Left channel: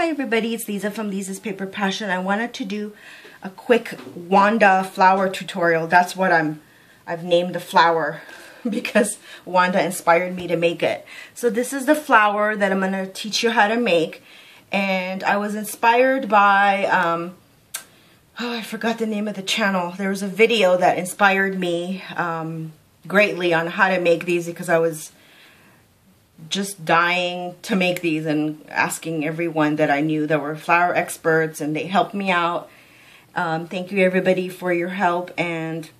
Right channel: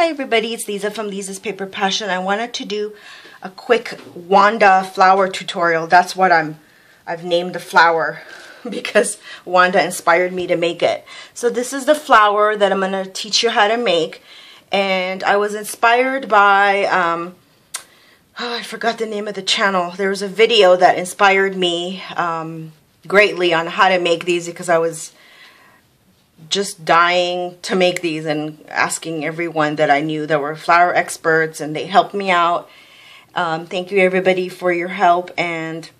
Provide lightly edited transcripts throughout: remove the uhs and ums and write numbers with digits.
Hi everybody, it's Lisa from Lisa's Paper Passion. I wanted to do a quick Wanda flower tutorial. That's what I've named the flower because Wanda inspired me to make it. So this is the flower that I'm going to teach you how to make. And I was inspired by, I forgot the name of the channel. There was a video that inspired me greatly on how to make these because I was just dying to make these and asking everyone that I knew that were flower experts, and they helped me out. Thank you everybody for your help, and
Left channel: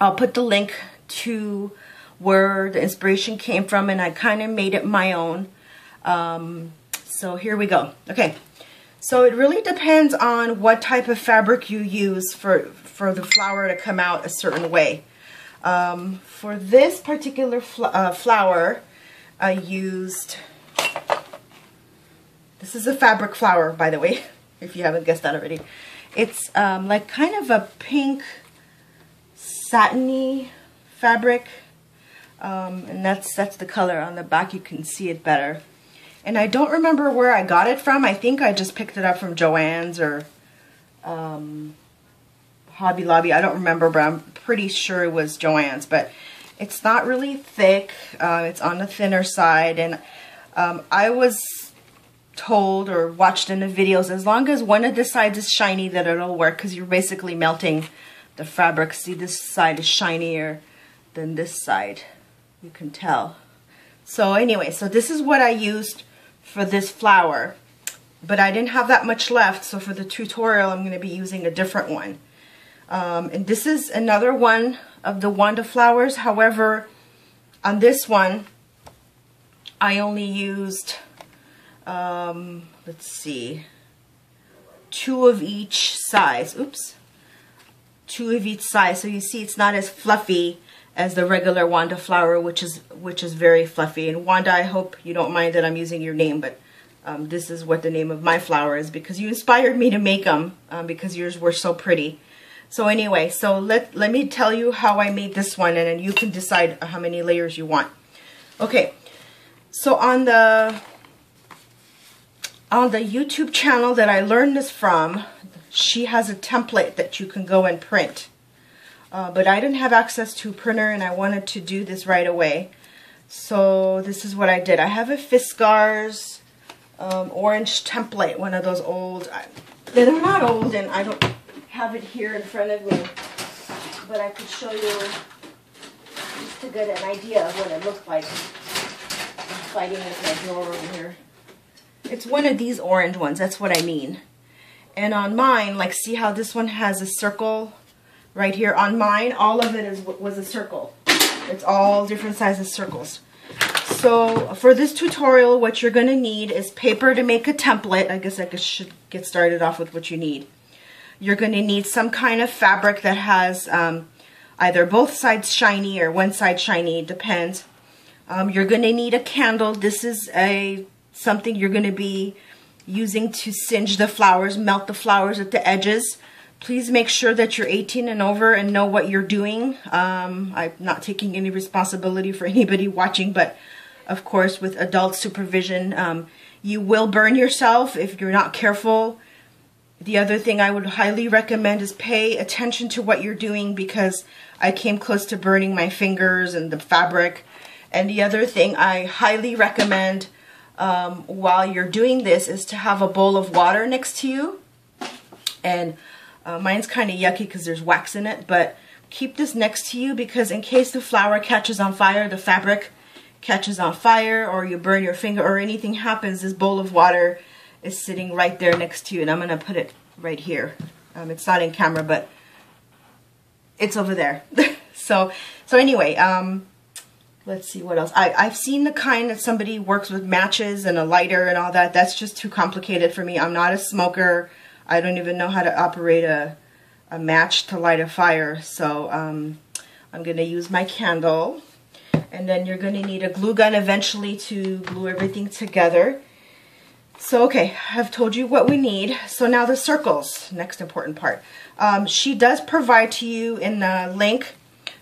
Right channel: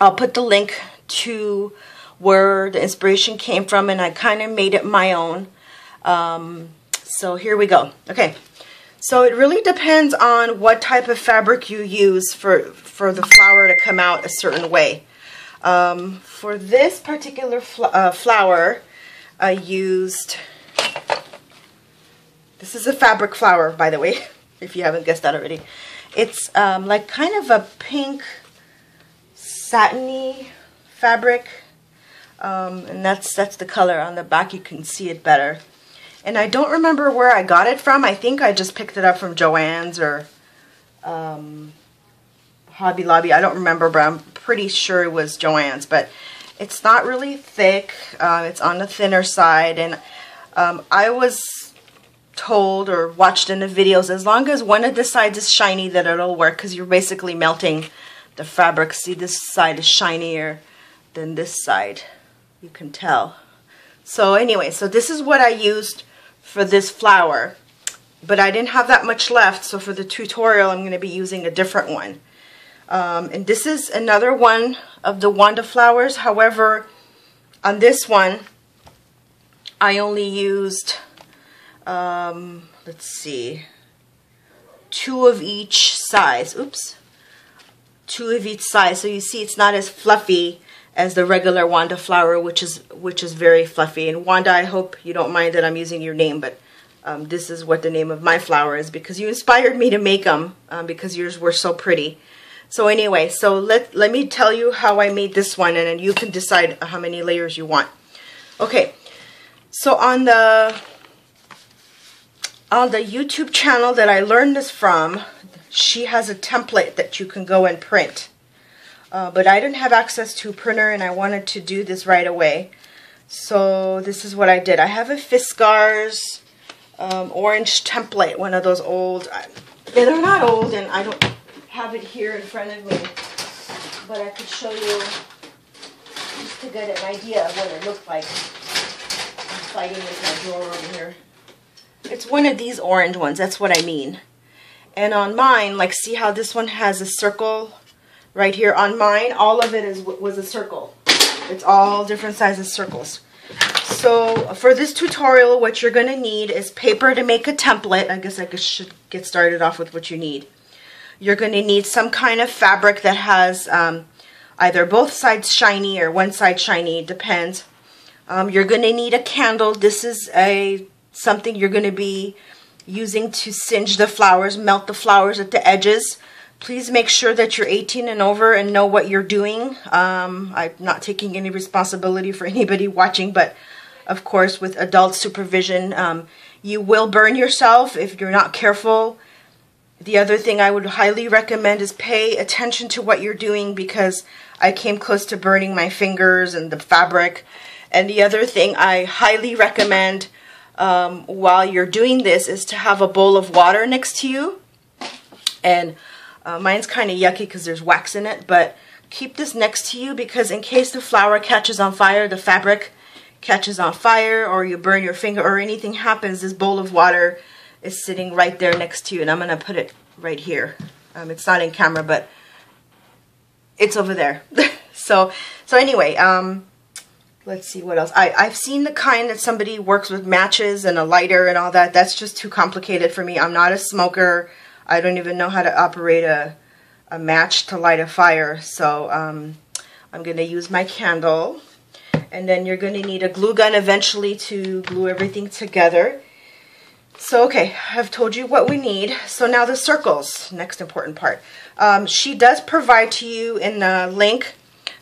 I'll put the link to where the inspiration came from, and I kind of made it my own. So here we go. Okay, so it really depends on what type of fabric you use for the flower to come out a certain way. For this particular flower, I used, this is a fabric flower, by the way, if you haven't guessed that already. It's like kind of a pink satiny fabric, and that's the color. On the back you can see it better. And I don't remember where I got it from. I think I just picked it up from Joann's or Hobby Lobby. I don't remember, but I'm pretty sure it was Joann's. But it's not really thick. It's on the thinner side, and I was told or watched in the videos, as long as one of the sides is shiny, that it'll work, because you're basically melting the fabric. See, this side is shinier than this side. You can tell. So anyway, so this is what I used for this flower, but I didn't have that much left, so for the tutorial I'm going to be using a different one. And this is another one of the Wanda flowers. However, on this one, I only used, let's see, 2 of each size. Oops. 2 of each size. So you see it's not as fluffy as the regular Wanda flower, which is very fluffy. And Wanda, I hope you don't mind that I'm using your name, but this is what the name of my flower is, because you inspired me to make them, because yours were so pretty. So anyway, so let me tell you how I made this one, and then you can decide how many layers you want. Okay, so on the YouTube channel that I learned this from, she has a template that you can go and print. But I didn't have access to a printer, and I wanted to do this right away. So this is what I did. I have a Fiskars orange template, one of those old, they're not old, and I don't have it here in front of me, but I could show you just to get an idea of what it looked like. I'm fighting with my drawer over here. It's one of these orange ones, that's what I mean. And on mine, like, see how this one has a circle right here? On mine, all of it was a circle. It's all different sizes circles. So for this tutorial, what you're going to need is paper to make a template. I guess I should get started off with what you need. You're going to need some kind of fabric that has either both sides shiny or one side shiny, it depends. You're going to need a candle. This is something you're going to be using to singe the flowers, melt the flowers at the edges. Please make sure that you're 18 and over and know what you're doing. I'm not taking any responsibility for anybody watching, but of course with adult supervision, you will burn yourself if you're not careful. The other thing I would highly recommend is pay attention to what you're doing, because I came close to burning my fingers and the fabric. And the other thing I highly recommend while you're doing this is to have a bowl of water next to you. And mine's kind of yucky because there's wax in it, but keep this next to you, because in case the flower catches on fire, the fabric catches on fire, or you burn your finger or anything happens, this bowl of water is sitting right there next to you, and I'm going to put it right here. It's not in camera, but it's over there. so anyway, let's see what else. I've seen the kind that somebody works with matches and a lighter and all that. That's just too complicated for me. I'm not a smoker. I don't even know how to operate a match to light a fire. So I'm going to use my candle. And then you're going to need a glue gun eventually to glue everything together. So, okay, I've told you what we need. So now the circles, next important part. She does provide to you in the link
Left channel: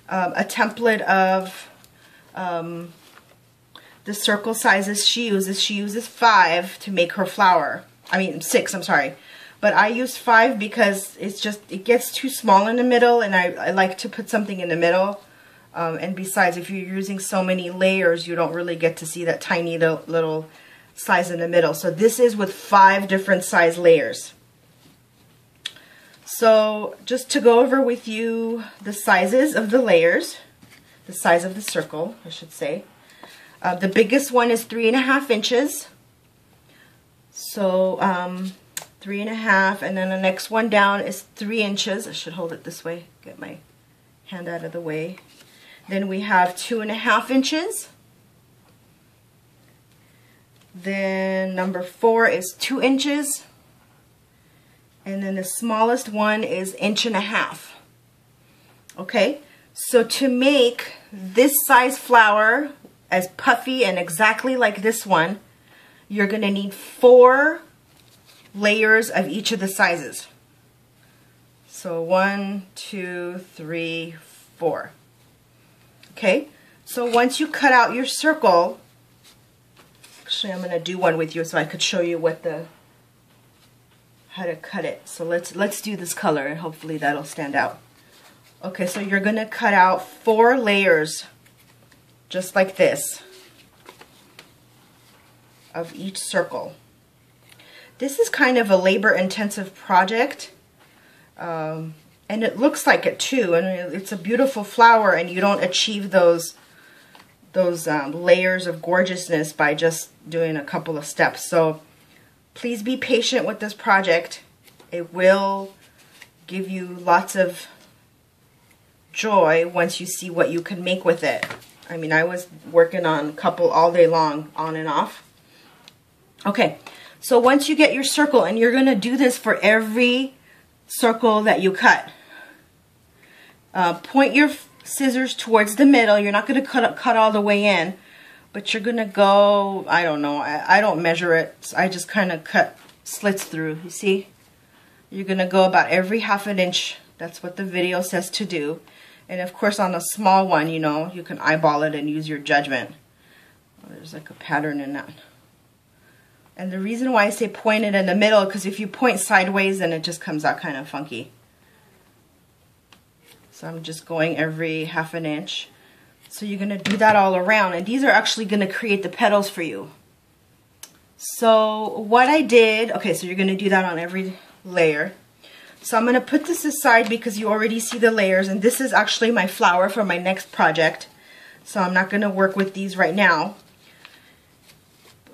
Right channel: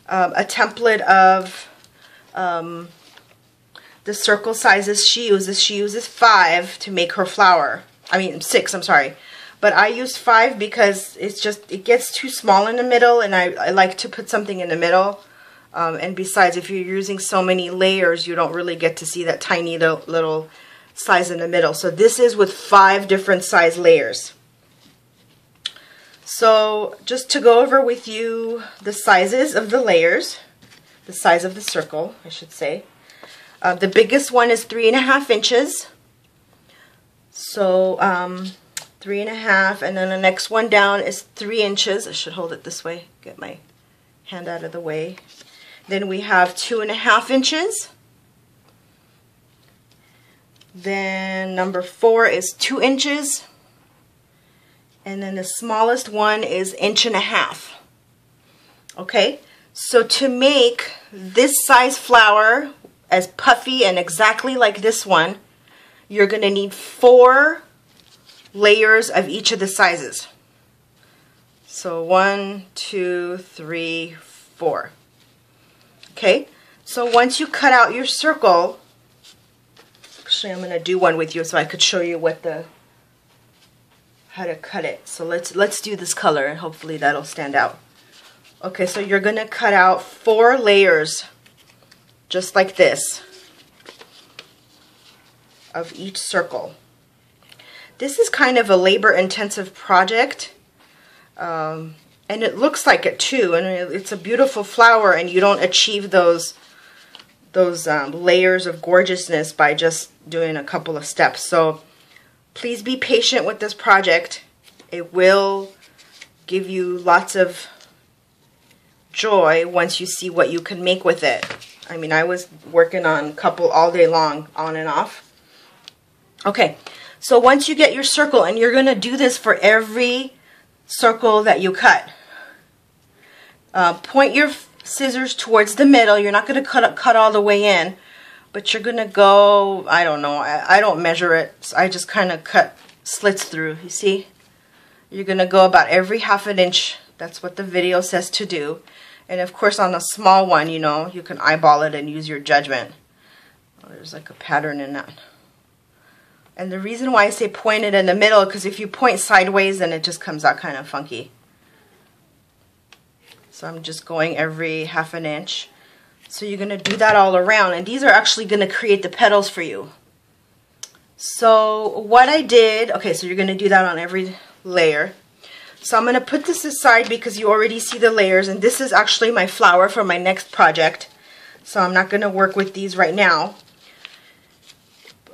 a template of the circle sizes she uses. She uses 5 to make her flower. I mean 6, I'm sorry. But I use 5 because it gets too small in the middle, and I like to put something in the middle. And besides, if you're using so many layers, you don't really get to see that tiny little size in the middle. So this is with 5 different size layers. So just to go over with you the sizes of the layers, the size of the circle, I should say. The biggest one is 3.5 inches. So 3.5, and then the next one down is 3 inches. I should hold it this way, get my hand out of the way. Then we have 2.5 inches. Then number 4 is 2 inches. And then the smallest one is 1.5 inches. Okay, so to make this size flower as puffy and exactly like this one, you're going to need 4 layers of each of the sizes. So 1, 2, 3, 4. Okay, so once you cut out your circle, actually I'm going to do one with you so I could show you how to cut it. So let's do this color, and hopefully that'll stand out. Okay, so you're going to cut out 4 layers just like this of each circle. This is kind of a labor-intensive project, and it looks like it too, and it's a beautiful flower, and you don't achieve those layers of gorgeousness by just doing a couple of steps. So please be patient with this project. It will give you lots of joy once you see what you can make with it. I mean, I was working on a couple all day long, on and off. Okay, so once you get your circle, and you're going to do this for every circle that you cut, point your scissors towards the middle. You're not going to cut all the way in, but you're going to go, I don't know, I don't measure it, so I just kind of cut slits through, you see? You're going to go about every 1/2 inch. That's what the video says to do. And of course on a small one, you know, you can eyeball it and use your judgment. Oh, there's like a pattern in that. And the reason why I say point it in the middle, because if you point sideways, then it just comes out kind of funky. So I'm just going every 1/2 inch. So you're going to do that all around, and these are actually going to create the petals for you. So what I did, okay, so you're going to do that on every layer. So I'm going to put this aside because you already see the layers, and this is actually my flower for my next project. So I'm not going to work with these right now.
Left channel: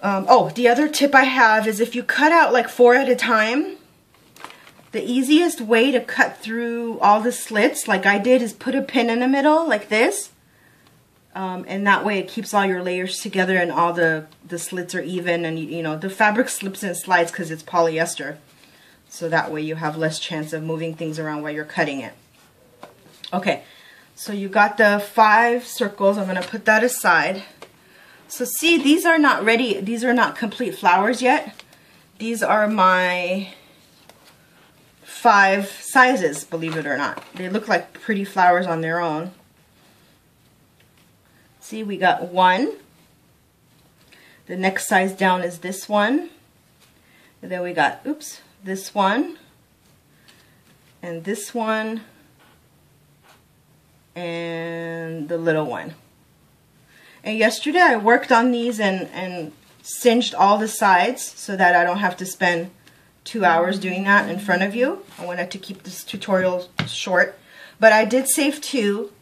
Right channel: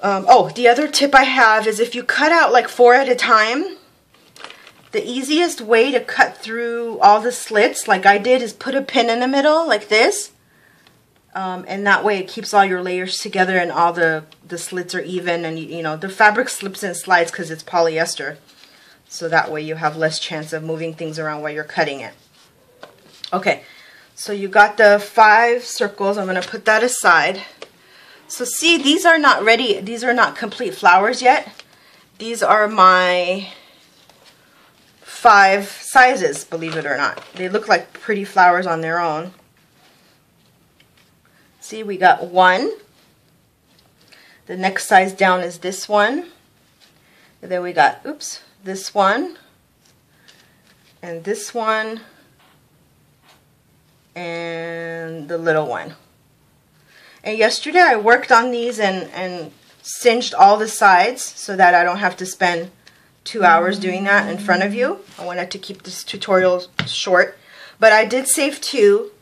Oh, the other tip I have is if you cut out like 4 at a time, the easiest way to cut through all the slits, like I did, is put a pin in the middle like this. And that way it keeps all your layers together, and all the slits are even, and you know, the fabric slips and slides because it's polyester. So that way you have less chance of moving things around while you're cutting it. Okay, so you got the 5 circles. I'm going to put that aside. So see, these are not ready. These are not complete flowers yet. These are my 5 sizes, believe it or not. They look like pretty flowers on their own. See, we got 1. The next size down is this one. And then we got, oops, this one. And this one. And the little one. And yesterday I worked on these and singed all the sides so that I don't have to spend 2 hours doing that in front of you. I wanted to keep this tutorial short. But I did save 2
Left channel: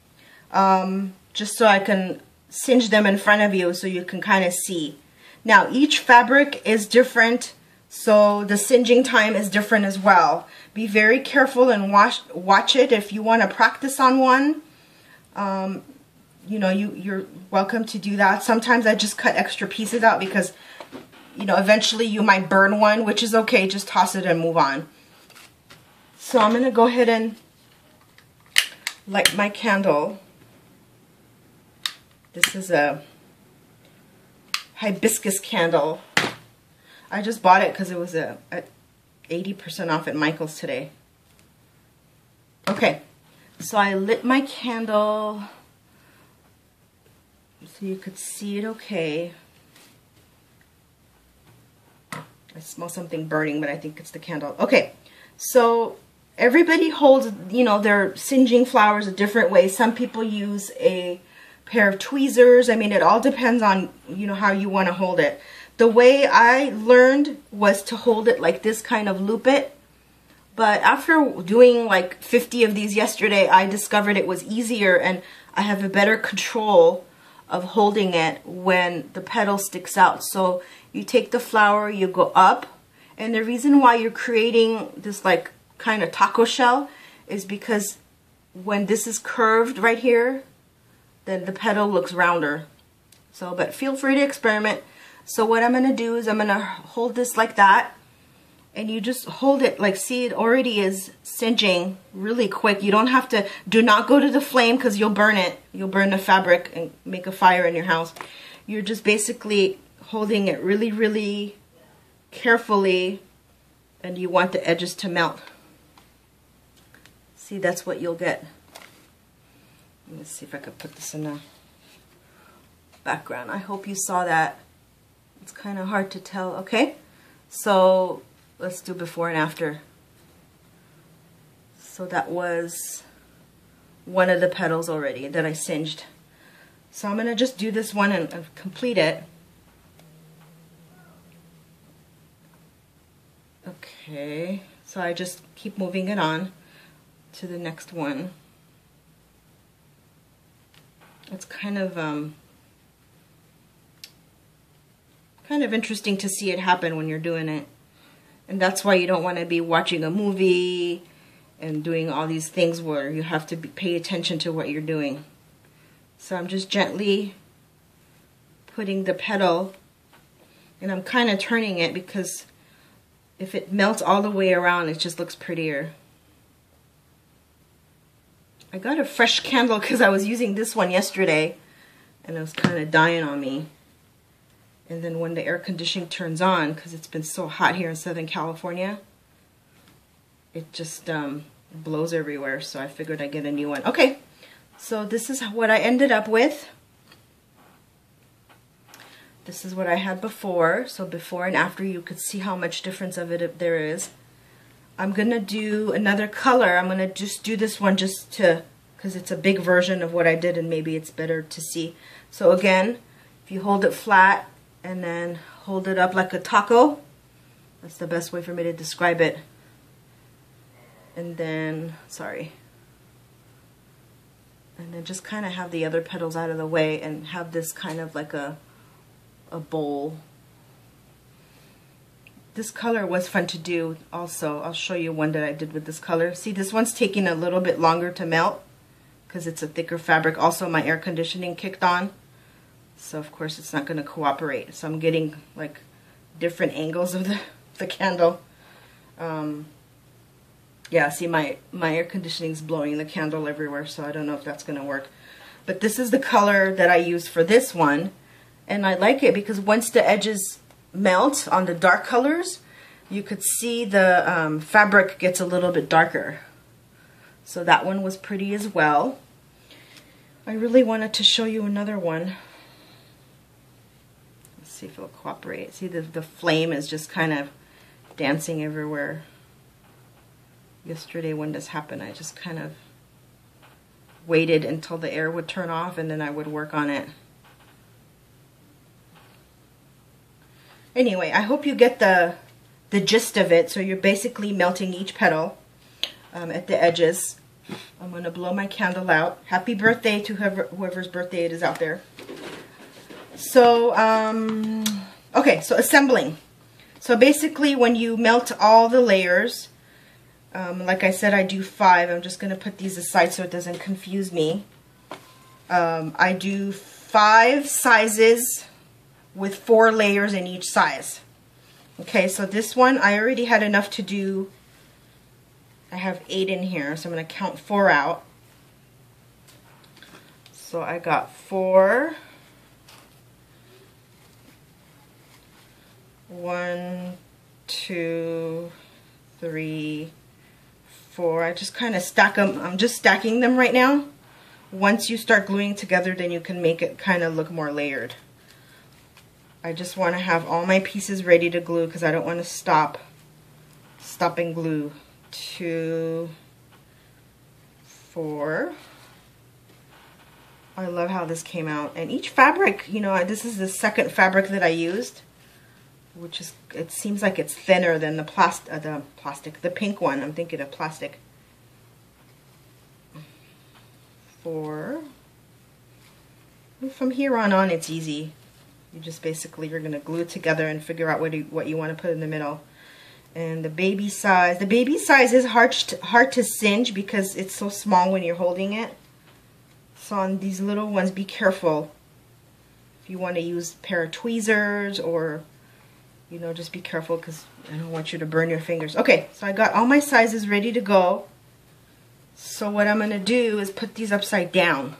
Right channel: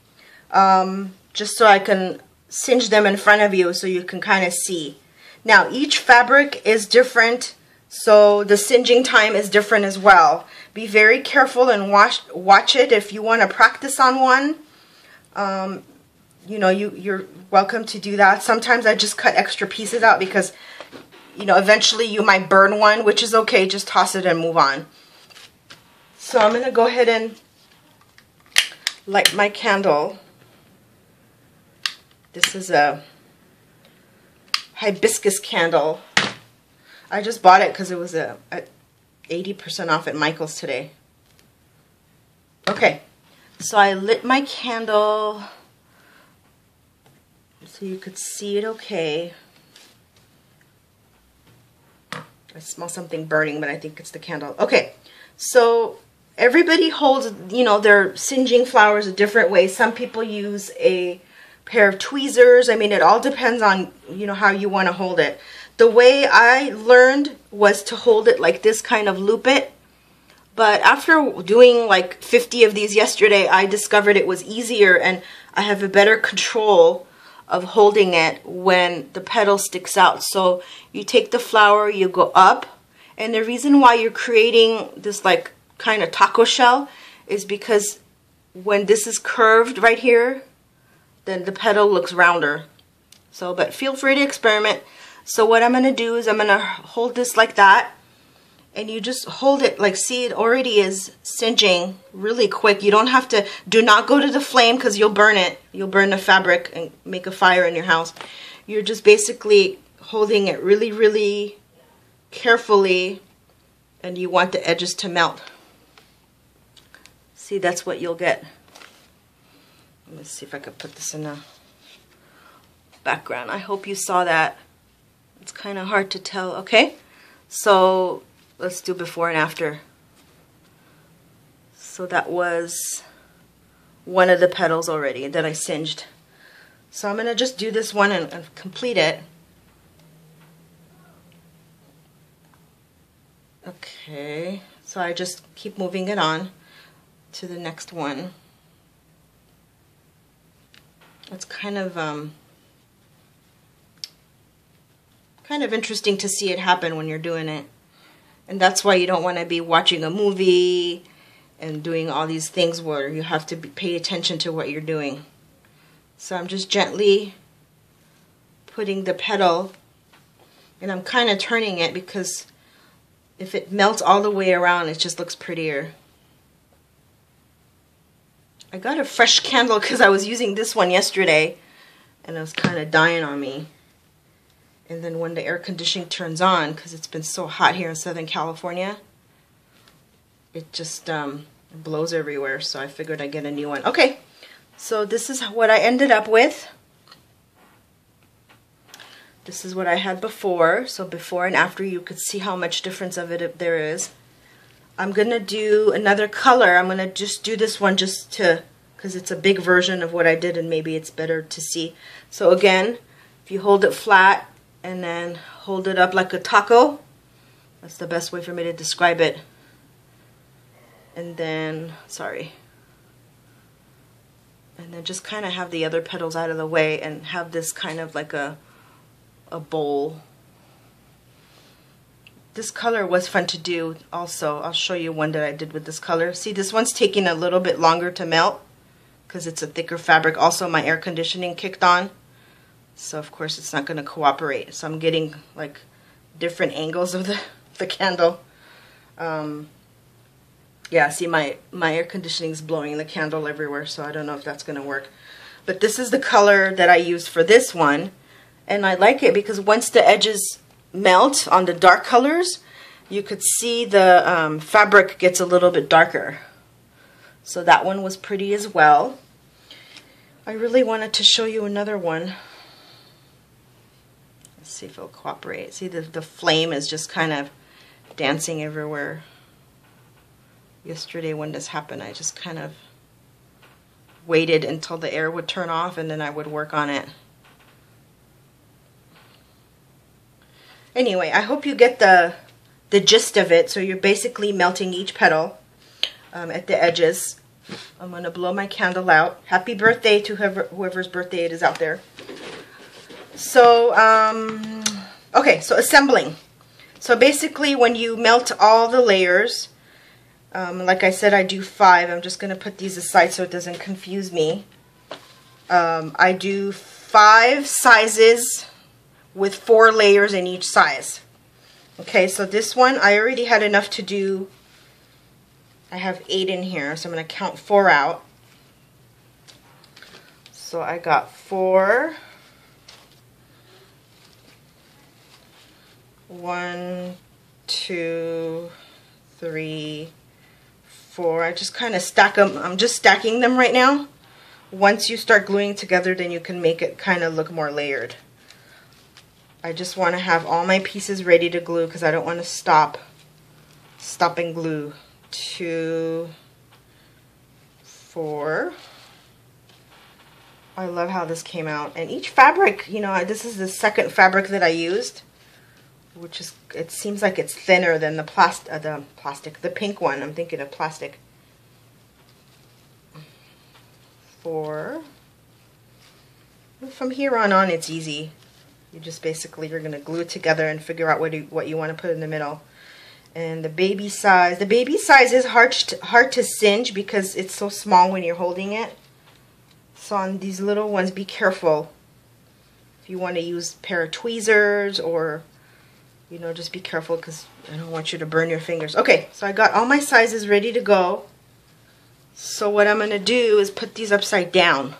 just so I can singe them in front of you so you can kind of see. Now each fabric is different, so the singeing time is different as well. Be very careful and watch it if you want to practice on one. You know, you're welcome to do that. Sometimes I just cut extra pieces out because, you know, eventually you might burn one, which is okay. Just toss it and move on. So I'm going to go ahead and light my candle. This is a hibiscus candle. I just bought it because it was at 80% off at Michael's today. Okay, so I lit my candle so you could see it okay. I smell something burning, but I think it's the candle. Okay, so everybody holds, you know, their singeing flowers a different way. Some people use a pair of tweezers. I mean, it all depends on, you know, how you want to hold it. The way I learned was to hold it like this, kind of loop it. But after doing like 50 of these yesterday, I discovered it was easier and I have a better control of holding it when the petal sticks out. So you take the flower, you go up, and the reason why you're creating this like kind of taco shell is because when this is curved right here, then the petal looks rounder. So, but feel free to experiment. So what I'm going to do is I'm going to hold this like that, and you just hold it like, see, it already is singeing really quick. You don't have to, do not go to the flame because you'll burn it. You'll burn the fabric and make a fire in your house. You're just basically holding it really, really carefully, and you want the edges to melt. See, that's what you'll get. Let me see if I could put this in the background. I hope you saw that. It's kind of hard to tell. Okay, so let's do before and after. So that was one of the petals already that I singed. So I'm going to just do this one and complete it. Okay, so I just keep moving it on to the next one. It's kind of interesting to see it happen when you're doing it. And that's why you don't want to be watching a movie and doing all these things where you have to pay attention to what you're doing. So I'm just gently putting the petal, and I'm kind of turning it because if it melts all the way around, it just looks prettier. I got a fresh candle because I was using this one yesterday and it was kind of dying on me. And then when the air conditioning turns on, because it's been so hot here in Southern California, it just blows everywhere. So I figured I'd get a new one. Okay, so this is what I ended up with. This is what I had before. So before and after, you could see how much difference of it there is. I'm going to do another color. I'm going to just do this one just to, because it's a big version of what I did and maybe it's better to see. So again, if you hold it flat and then hold it up like a taco, that's the best way for me to describe it. And then, sorry. And then just kind of have the other petals out of the way and have this kind of like a bowl. This color was fun to do also. I'll show you one that I did with this color. See, this one's taking a little bit longer to melt because it's a thicker fabric. Also, my air conditioning kicked on, so of course it's not going to cooperate. So I'm getting like different angles of the candle. Yeah, see, my air conditioning is blowing the candle everywhere, so I don't know if that's going to work. But this is the color that I used for this one, and I like it because once the edges melt on the dark colors, you could see the fabric gets a little bit darker. So that one was pretty as well. I really wanted to show you another one. Let's see if it'll cooperate. See, the flame is just kind of dancing everywhere. Yesterday when this happened, I just kind of waited until the air would turn off and then I would work on it. Anyway, I hope you get the gist of it. So you're basically melting each petal at the edges. I'm going to blow my candle out. Happy birthday to whoever's birthday it is out there. So, okay, so assembling. So basically when you melt all the layers, like I said, I do 5. I'm just going to put these aside so it doesn't confuse me. I do 5 sizes with 4 layers in each size. Okay, so this one, I already had enough to do. I have 8 in here, so I'm going to count 4 out. So I got 4. 1, 2, 3, 4. I just kind of stack them. I'm just stacking them right now. Once you start gluing together, then you can make it kind of look more layered. I just want to have all my pieces ready to glue because I don't want to stop and glue. 2, 4. I love how this came out. And each fabric, you know, this is the second fabric that I used, which is, it seems like it's thinner than the the pink one. I'm thinking of plastic. 4. And from here on it's easy. You just basically, you're going to glue it together and figure out what you want to put in the middle. And the baby size is hard to singe because it's so small when you're holding it. So on these little ones, be careful. If you want to use a pair of tweezers, or, you know, just be careful because I don't want you to burn your fingers. Okay, so I got all my sizes ready to go. So what I'm going to do is put these upside down.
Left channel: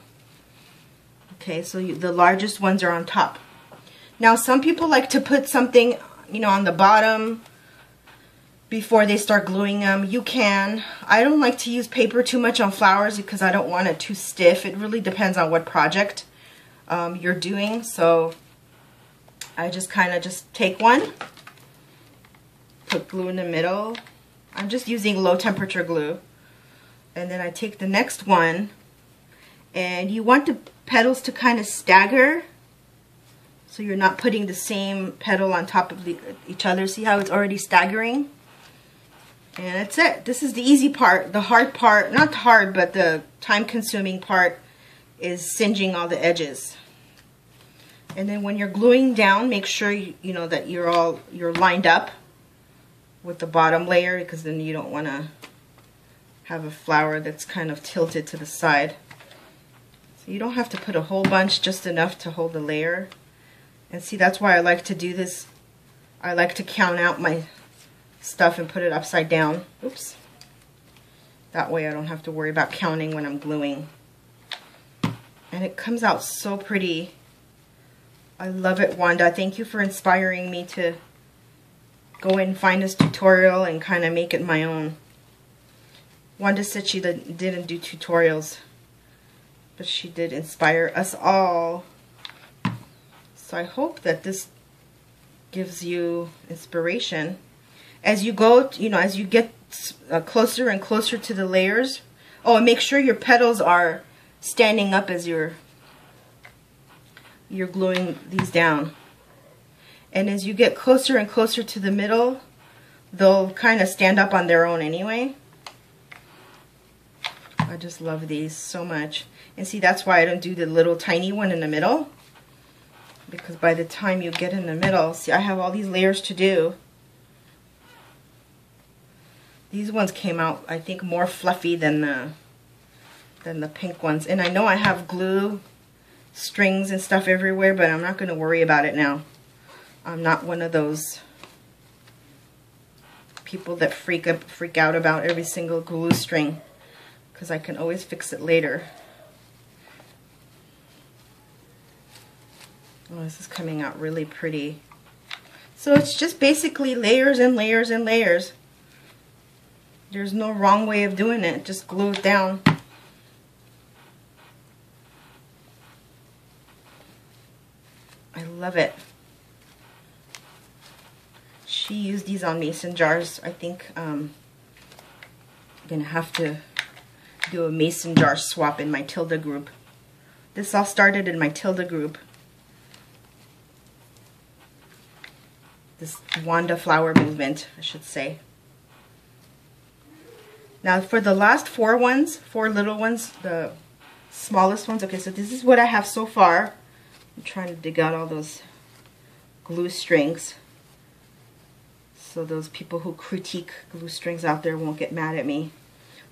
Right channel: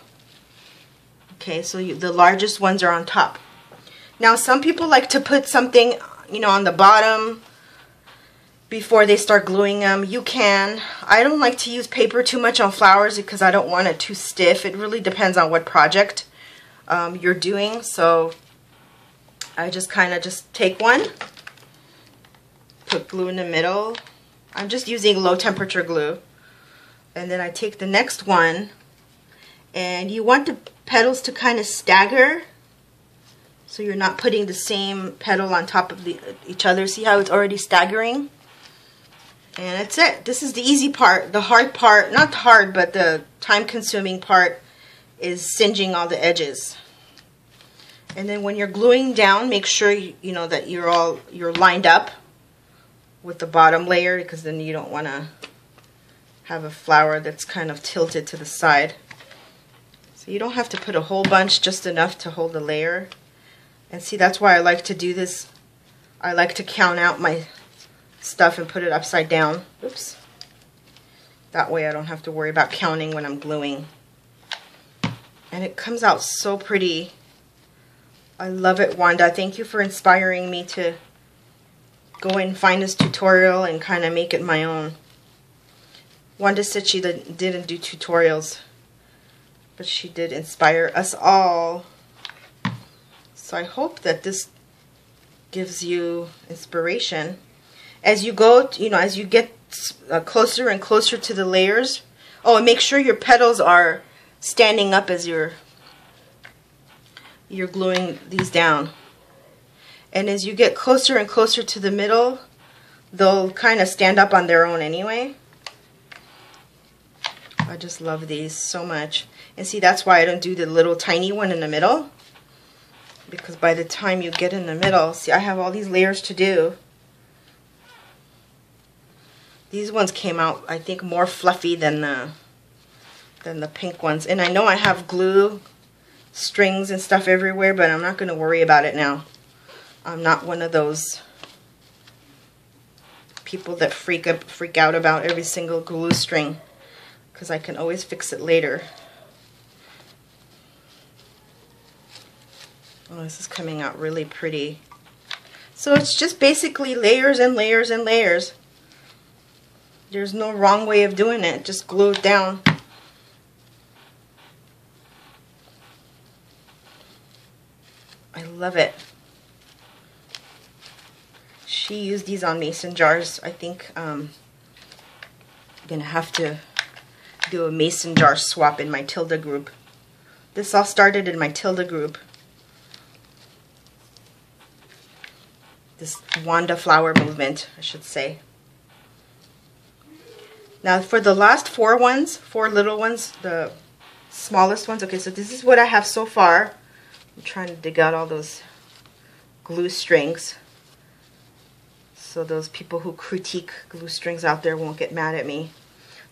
Okay, so the largest ones are on top. Now some people like to put something, you know, on the bottom before they start gluing them. You can. I don't like to use paper too much on flowers because I don't want it too stiff. It really depends on what project you're doing. So I just kind of take one, put glue in the middle. I'm just using low temperature glue. And then I take the next one, and you want the petals to kind of stagger, so you're not putting the same petal on top of each other. See how it's already staggering? And that's it. This is the easy part. The hard part, not hard, but the time-consuming part is singeing all the edges. And then when you're gluing down, make sure you know that you're lined up with the bottom layer, because then you don't want to have a flower that's kind of tilted to the side. So you don't have to put a whole bunch, just enough to hold the layer. And see, that's why I like to do this. I like to count out my stuff and put it upside down. Oops. That way I don't have to worry about counting when I'm gluing. And it comes out so pretty. I love it, Wanda. Thank you for inspiring me to go and find this tutorial and kind of make it my own. Wanda said she didn't do tutorials, but she did inspire us all. So I hope that this gives you inspiration. As you go, you know, as you get closer and closer to the layers. Oh, and make sure your petals are standing up as you're gluing these down. And as you get closer and closer to the middle, they'll kind of stand up on their own anyway. I just love these so much. And see, that's why I don't do the little tiny one in the middle. Because by the time you get in the middle, see, I have all these layers to do. These ones came out, I think, more fluffy than the pink ones. And I know I have glue strings and stuff everywhere, but I'm not going to worry about it now. I'm not one of those people that freak out about every single glue string, because I can always fix it later. Oh, this is coming out really pretty. So it's just basically layers and layers and layers. There's no wrong way of doing it. Just glue it down. I love it. She used these on mason jars. I think I'm gonna have to do a mason jar swap in my Tilda group. This all started in my Tilda group. This Wanda flower movement, I should say. Now for the last four little ones, the smallest ones. Okay, so this is what I have so far. I'm trying to dig out all those glue strings, so those people who critique glue strings out there won't get mad at me.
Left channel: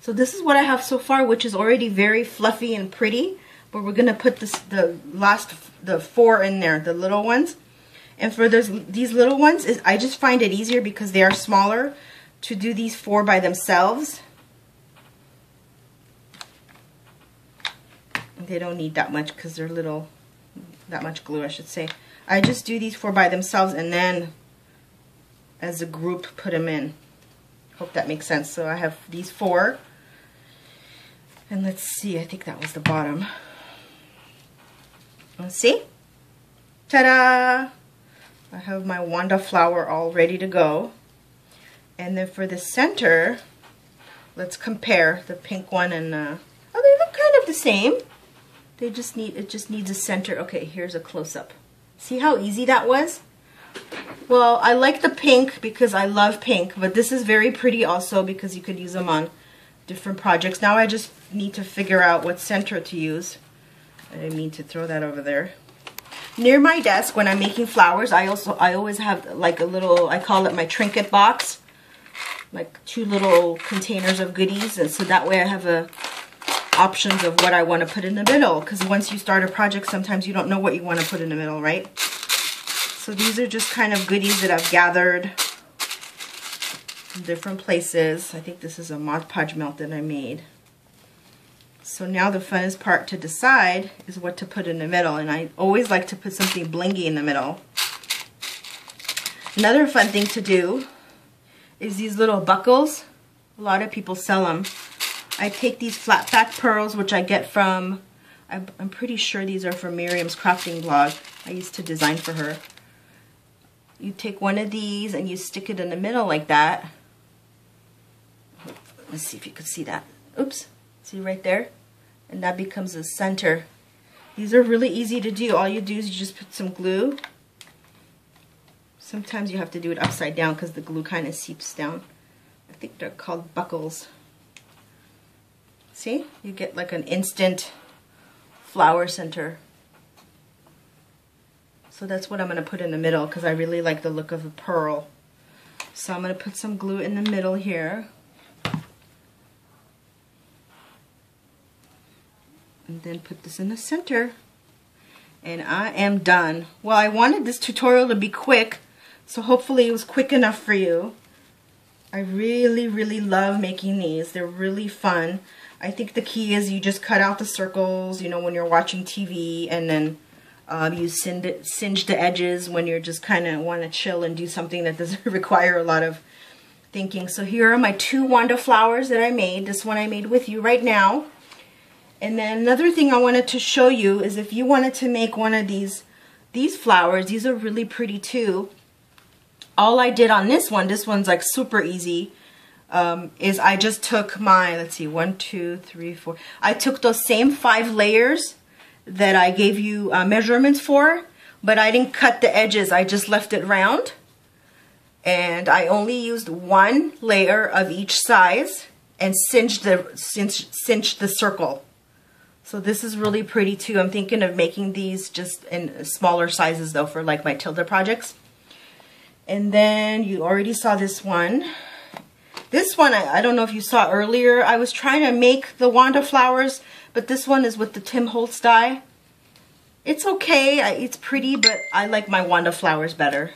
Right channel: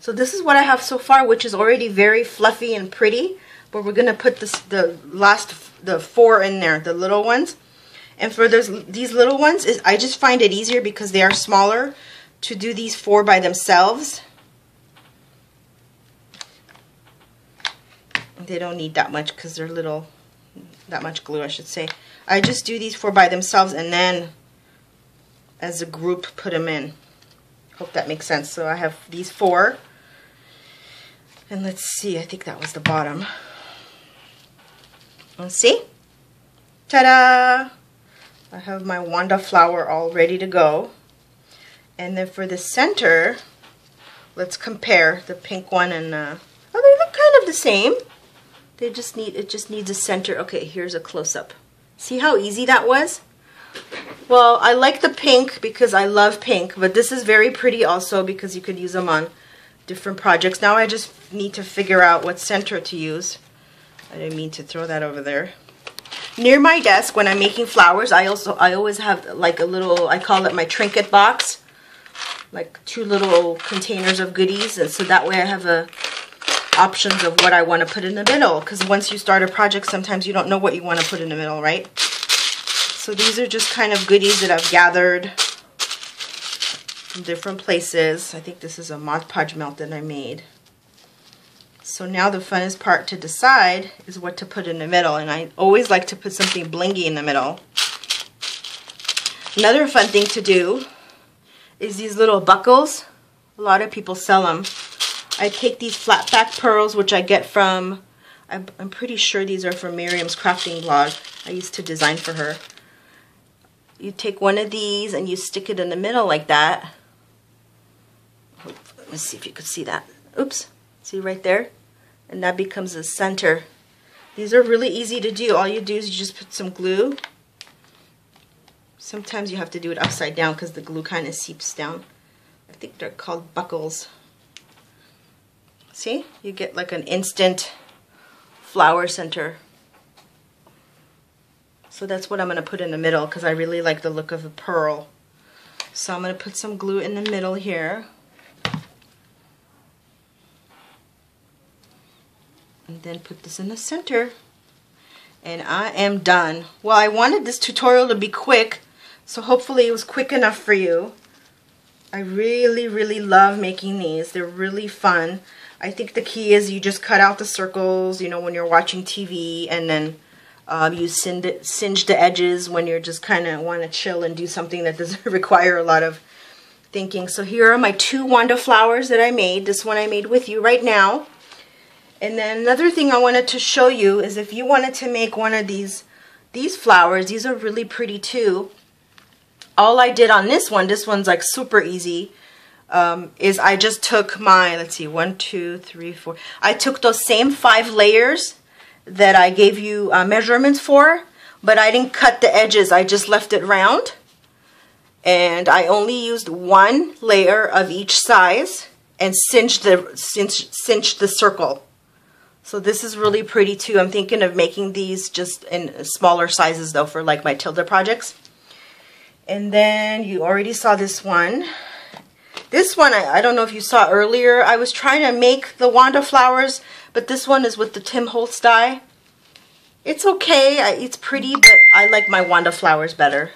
So this is what I have so far, which is already very fluffy and pretty, but we're gonna put the four in there, the little ones. And for these little ones, I just find it easier because they are smaller to do these four by themselves. They don't need that much because they're little, that much glue I should say. I just do these four by themselves and then as a group put them in. Hope that makes sense. So I have these four. And let's see, I think that was the bottom. Let's see. Ta-da! I have my Wanda flower all ready to go. And then for the center, let's compare the pink one and, oh, they look kind of the same. It just needs a center. Okay, here's a close-up. See how easy that was? Well, I like the pink because I love pink, but this is very pretty also because you could use them on different projects. Now I just need to figure out what center to use. I didn't mean to throw that over there. Near my desk when I'm making flowers, I always have like a little, I call it my trinket box, like 2 little containers of goodies, and so that way I have options of what I want to put in the middle, because once you start a project, sometimes you don't know what you want to put in the middle, right? So these are just kind of goodies that I've gathered from different places. I think this is a Mod Podge melt that I made. So now the funnest part to decide is what to put in the middle, and I always like to put something blingy in the middle. Another fun thing to do is these little buckles. A lot of people sell them. I take these flat back pearls, which I get from, I'm pretty sure these are from Miriam's crafting blog. I used to design for her. You take one of these and you stick it in the middle like that. Let's see if you can see that. Oops, see right there? And that becomes the center. These are really easy to do. All you do is you just put some glue. Sometimes you have to do it upside down because the glue kind of seeps down. I think they're called buckles. See? You get like an instant flower center. So that's what I'm going to put in the middle because I really like the look of the pearl. So I'm going to put some glue in the middle here. And then put this in the center. And I am done. Well, I wanted this tutorial to be quick, so hopefully it was quick enough for you. I really, really love making these. They're really fun. I think the key is you just cut out the circles, you know, when you're watching TV, and then you singe the edges when you're just kind of want to chill and do something that doesn't require a lot of thinking. So here are my 2 Wanda flowers that I made. This one I made with you right now. And then another thing I wanted to show you is if you wanted to make one of these flowers, these are really pretty too. All I did on this one's like super easy, is I just took my, let's see, 1, 2, 3, 4. I took those same 5 layers that I gave you measurements for, but I didn't cut the edges. I just left it round. And I only used 1 layer of each size and cinched the circle. So this is really pretty too. I'm thinking of making these just in smaller sizes though for like my Tilda projects. And then you already saw this one. This one, I don't know if you saw earlier, I was trying to make the Wanda flowers, but this one is with the Tim Holtz die. It's okay, it's pretty, but I like my Wanda flowers better.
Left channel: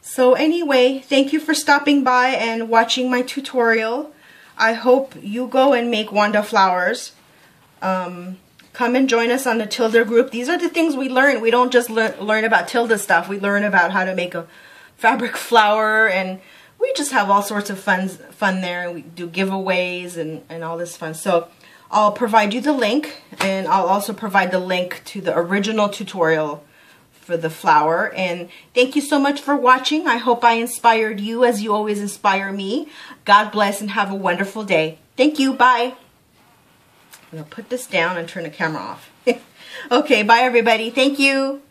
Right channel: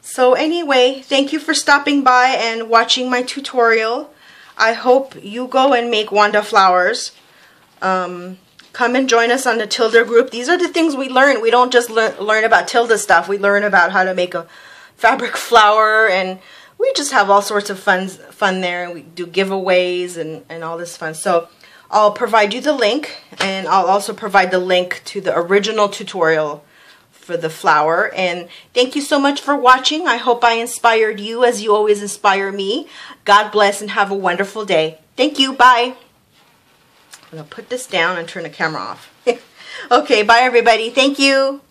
So anyway, thank you for stopping by and watching my tutorial. I hope you go and make Wanda flowers. Come and join us on the Tilda group. These are the things we learn. We don't just learn about Tilda stuff. We learn about how to make a fabric flower, and we just have all sorts of fun there. And we do giveaways and all this fun. So I'll provide you the link, and I'll also provide the link to the original tutorial for the flower. And thank you so much for watching. I hope I inspired you as you always inspire me. God bless and have a wonderful day. Thank you. Bye. I'm going to put this down and turn the camera off. Okay, bye everybody. Thank you.